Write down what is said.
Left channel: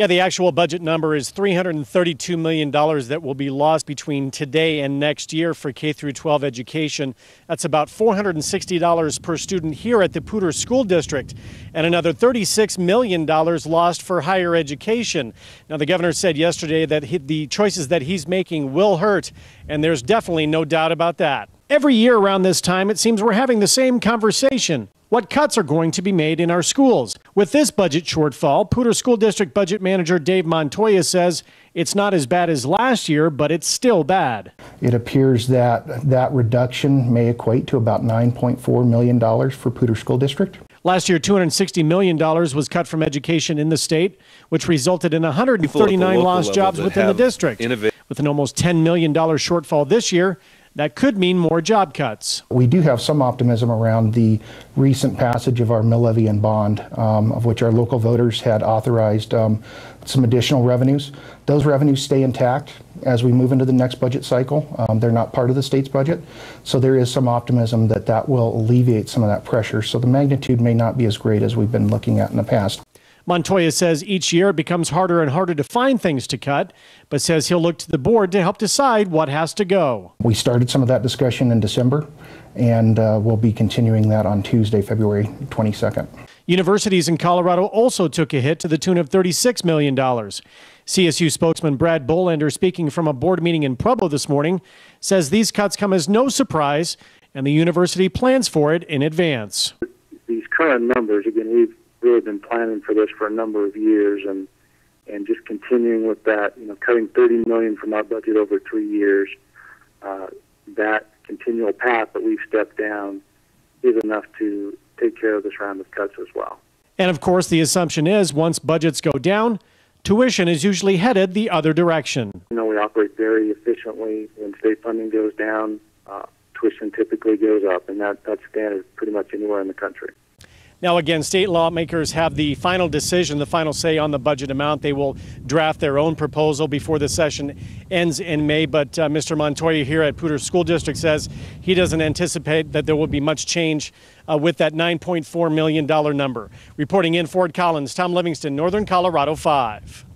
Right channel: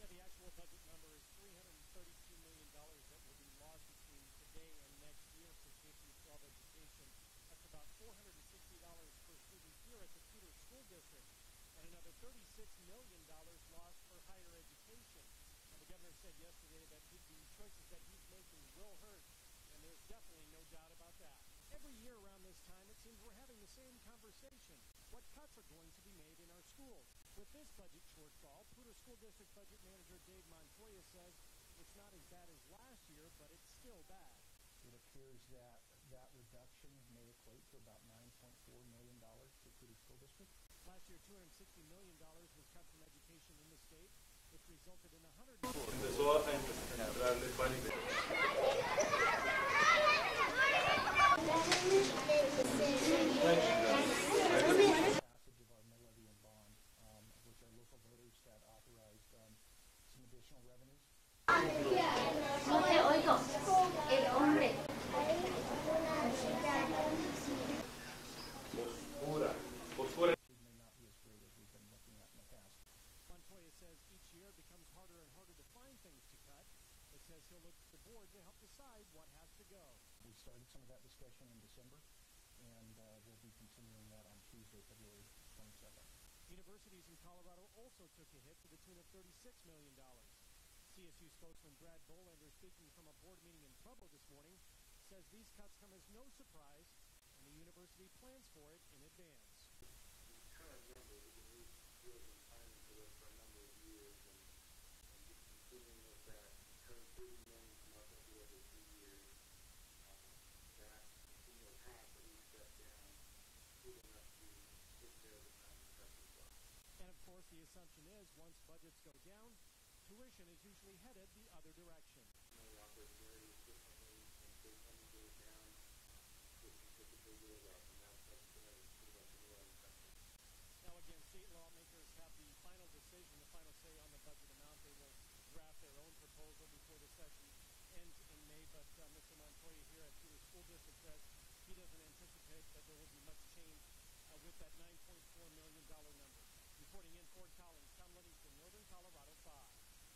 Yeah, the actual budget number is $332 million that will be lost between today and next year for K through 12 education. That's about $460 per student here at the Poudre School District, and another $36 million lost for higher education. Now, the governor said yesterday that the choices that he's making will hurt, and there's definitely no doubt about that. Every year around this time, it seems we're having the same conversation. What cuts are going to be made in our schools? With this budget shortfall, Poudre School District Budget Manager Dave Montoya says it's not as bad as last year, but it's still bad. It appears that that reduction may equate to about $9.4 million for Poudre School District. Last year, $260 million was cut from education in the state, which resulted in 139 lost jobs within the district. With an almost $10 million shortfall this year, that could mean more job cuts. We do have some optimism around the recent passage of our mill levy and bond, of which our local voters had authorized some additional revenues. Those revenues stay intact as we move into the next budget cycle. They're not part of the state's budget, so there is some optimism that that will alleviate some of that pressure. So the magnitude may not be as great as we've been looking at in the past. Montoya says each year it becomes harder and harder to find things to cut, but says he'll look to the board to help decide what has to go. We started some of that discussion in December, and we'll be continuing that on Tuesday, February 22nd. Universities in Colorado also took a hit to the tune of $36 million. CSU spokesman Brad Bolander, speaking from a board meeting in Pueblo this morning, says these cuts come as no surprise, and the university plans for it in advance. These current numbers, again, we've really been planning for this for a number of years, and just continuing with that, cutting $30 million from our budget over 3 years, that continual path that we've stepped down is enough to take care of this round of cuts as well. And of course, the assumption is once budgets go down, tuition is usually headed the other direction. We operate very efficiently. When state funding goes down, tuition typically goes up, and that's standard pretty much anywhere in the country. Now, again, state lawmakers have the final decision, the final say on the budget amount. They will draft their own proposal before the session ends in May. But Mr. Montoya here at Poudre School District says he doesn't anticipate that there will be much change with that $9.4 million number. Reporting in Fort Collins, Tom Livingston, Northern Colorado 5.